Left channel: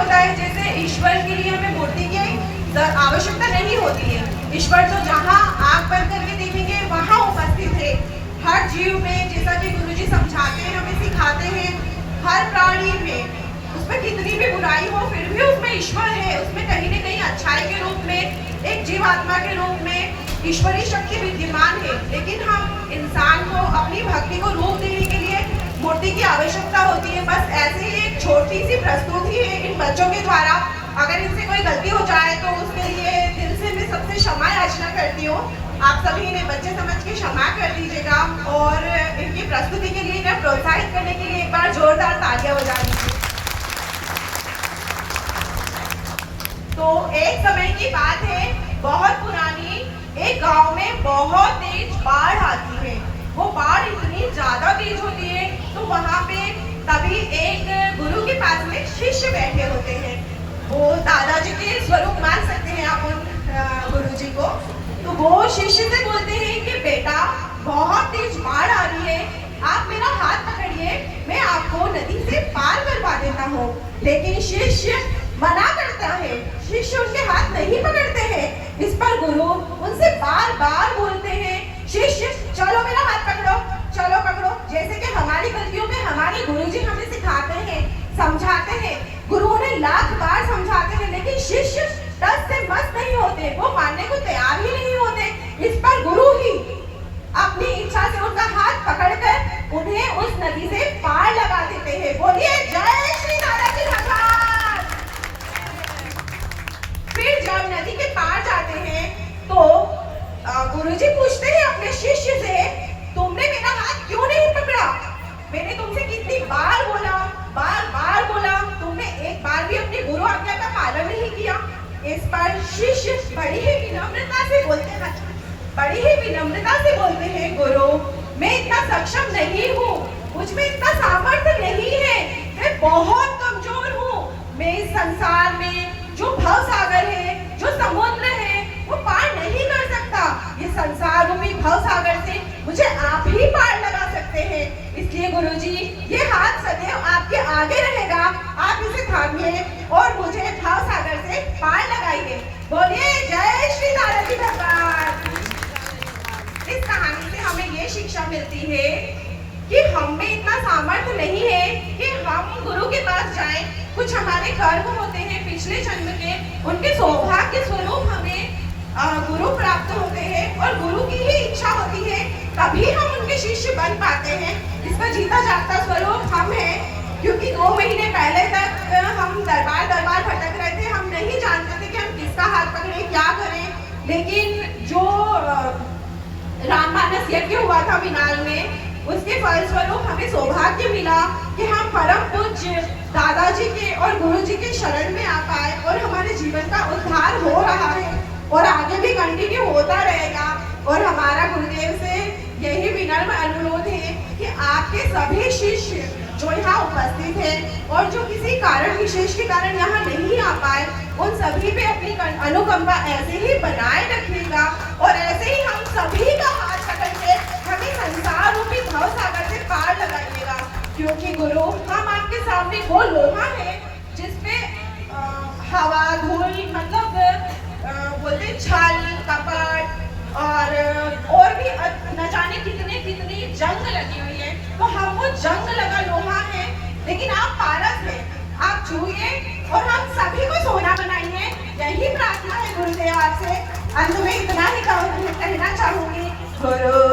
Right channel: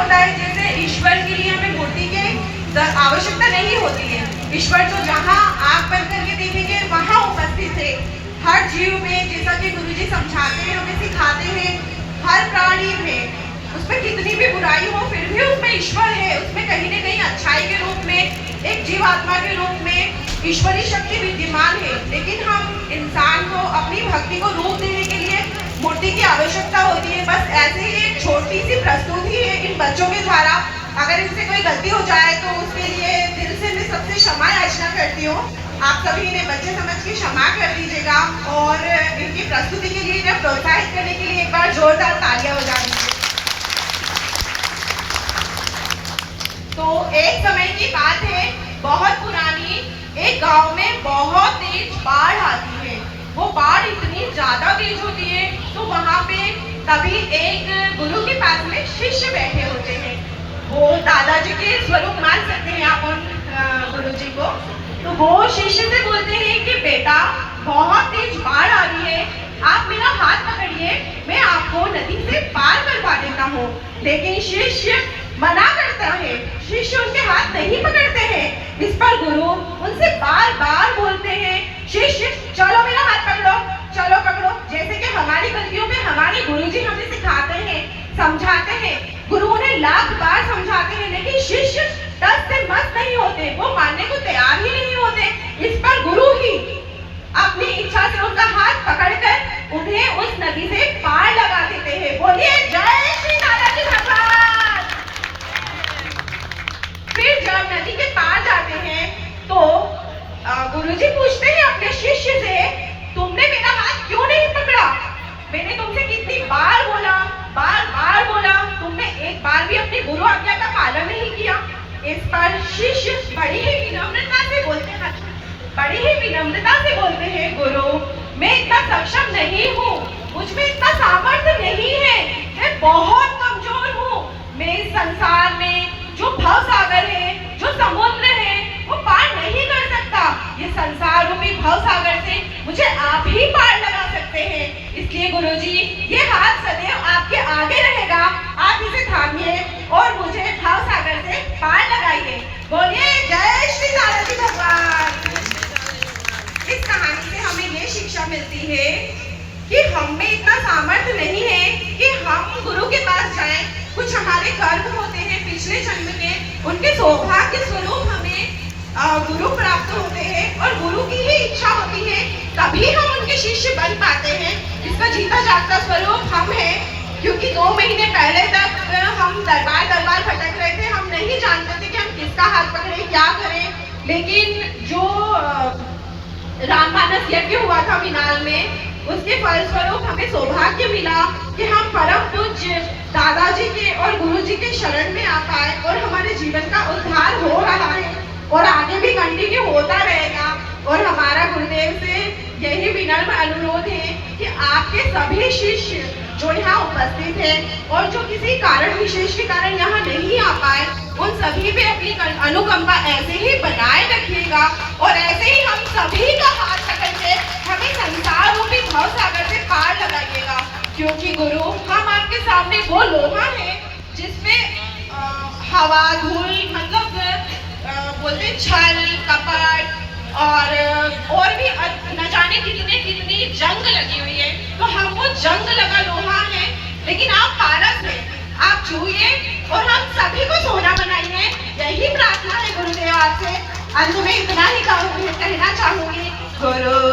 होता है, जैसे ईश्वर के लिए हमें मूर्ति की आवश्यकता नहीं होती है। ईश्वर तो जहाँ आँख बंद करके देखेंगे वहाँ उपस्थित है हर जीव में, जैसा कि गुरुजी समझाते हैं, हमें सिखाते हैं। हर प्राणी में, उसमें कितनी भी बुराई हो फिर भी उसमें ईश्वर है, उसमें कहीं न कहीं अच्छाई के रूप में, एक जीवात्मा के रूप में ईश्वरीय शक्ति विद्यमान है। लेकिन हम इंसान को अपनी भक्ति को रूप देने के लिए मूर्ति की आवश्यकता होती है। बस ऐसे ही एक छोटी सी प्रस्तुति है इन बच्चों के द्वारा। अगर इनसे कोई गलती हो जाए तो उसके लिए दिल से मैं सबसे क्षमा याचना करती हूँ। आप सभी इन्हें बच्चे समझ के क्षमा कर दीजिएगा और इनकी प्रस्तुति के लिए इन्हें प्रोत्साहित करने के लिए एक बार जोरदार तालियां बजा दीजिए। तो एक समय की बात है, बहुत पुरानी, एक गांव में बहुत तेज बाढ़ आती है। वो बाढ़ इतनी ज्यादा तेज होती है तो वहां पे तभी एक गुरु के पास में शिष्य बैठे होते हैं। वो दादाजी के स्वरूप मान सकते हैं आप उन गुरु जी को। तो वो शिष्य से बोलते हैं कि बेटा बहुत तेज बाढ़ आ रही है, आप मेरा हाथ पकड़िए, मैं आपको नदी से पार करवा देता हूँ। लेकिन शिष्य मना करता है, शिष्य उनके हाथ नहीं पकड़ते हैं। इस पर गुरु उनसे बार बार बोलते हैं, शिष्य चलो मेरा हाथ पकड़ो, चलो पकड़ो। जैसे कि हमारी गलतियों में हमारे गुरुजी हमें सिखाते हैं, समझाते हैं। गुरु उन्हें लाख बार समझाते हैं, लेकिन शिष्य टस से मस नहीं होते, वो मानने को तैयार ही नहीं होते। इस पर गुरु ही अपनी इच्छा से उनका हाथ पकड़कर उन्हें उस नदी से पार लगा देते हैं। बोलिए जय श्री दादाजी भगवान। फिर जब नदी के पार जाते हैं तो गुरुजी पूछते हैं अपने शिष्य से, तुमने मेरा हाथ क्यों नहीं पकड़ा? मैंने तुमसे कितनी बार बोला, बार बार बोला, तुमने एक बार भी अपनी गुरु आज्ञा का पालन नहीं किया। इस पर शिष्य बड़ी ही विनम्रता से बोलते हैं, गुरु मैं इतना सक्षम नहीं हूँ, मुझ में इतना सामर्थ्य नहीं है, मैं बहुत कमजोर हूँ। मैं इस संसार में जो भव सागर है, जो समुद्र है, वो पार नहीं कर सकता। ये संसार रूपी भव सागर से मुझे आप ही पार लगा सकते हैं। इसलिए गुरुजी ये हाथ सदैव आपके आगे रहेगा, आप इसे थामिए और मुझे भव सागर से पार लगाइए। बोलिए जय श्री दादाजी भगवान। इस कहानी से हमें ये शिक्षा मिलती है कि हम में इतना सामर्थ्य नहीं है कि हम गुरु के पास जाएं। कुछ हमारे कर्म होते हैं पिछले जन्म के, उनके सौभाग्य स्वरूप हमें गुरु प्राप्त होते हैं और गुरु की ही इच्छा होती है, तभी हम उनके शिष्य बन पाते हैं। इसका जीता जागता स्वरूप हम हैं, क्योंकि 2 महीने पहले तक हम दरबार भटक रहे थे, हम नहीं जानते थे कि हम किसका हाथ पकड़े, क्या करें। लेकिन जो राममानस यज्ञ हुआ था मिनाल में, उसके फलस्वरूप हमें सौभाग्य मिला कि हम परम पूज्य दादाजी के और गुरुजी के शरण में आ पाए और हमारे जीवन का उद्धार हो रहा है और आगे भी कंटिन्यू होता रहेगा। और हमारा गुरुदेव से यही विनम्र अनुरोध है कि आपके सभी शिष्य जो यहाँ उपस्थित हैं और जो किसी कारण विशेष के कारण यहाँ नहीं आ पाए, उन सभी पे अपनी अनुकंपा ऐसे ही बनाए रखिएगा और ऐसे ही हम सभी का हाथ पकड़ के हमें संसार रूपी भव सागर से पार लगाइएगा। क्योंकि गुरु हम आपके सामने वो लोहा है जिसपे हवा धूल मतलब बोलते छल कपट और भी न जाने कितनी जंग लगी हुई है। तो हम वो जंग लगा लोहा है, लेकिन आप पारस हैं, आप छूइए और हम सभी को सोना बनाइए। यही प्रार्थना है गुरुदेव आपसे। अंत में इतना ही कहना चाहूंगी, गुरु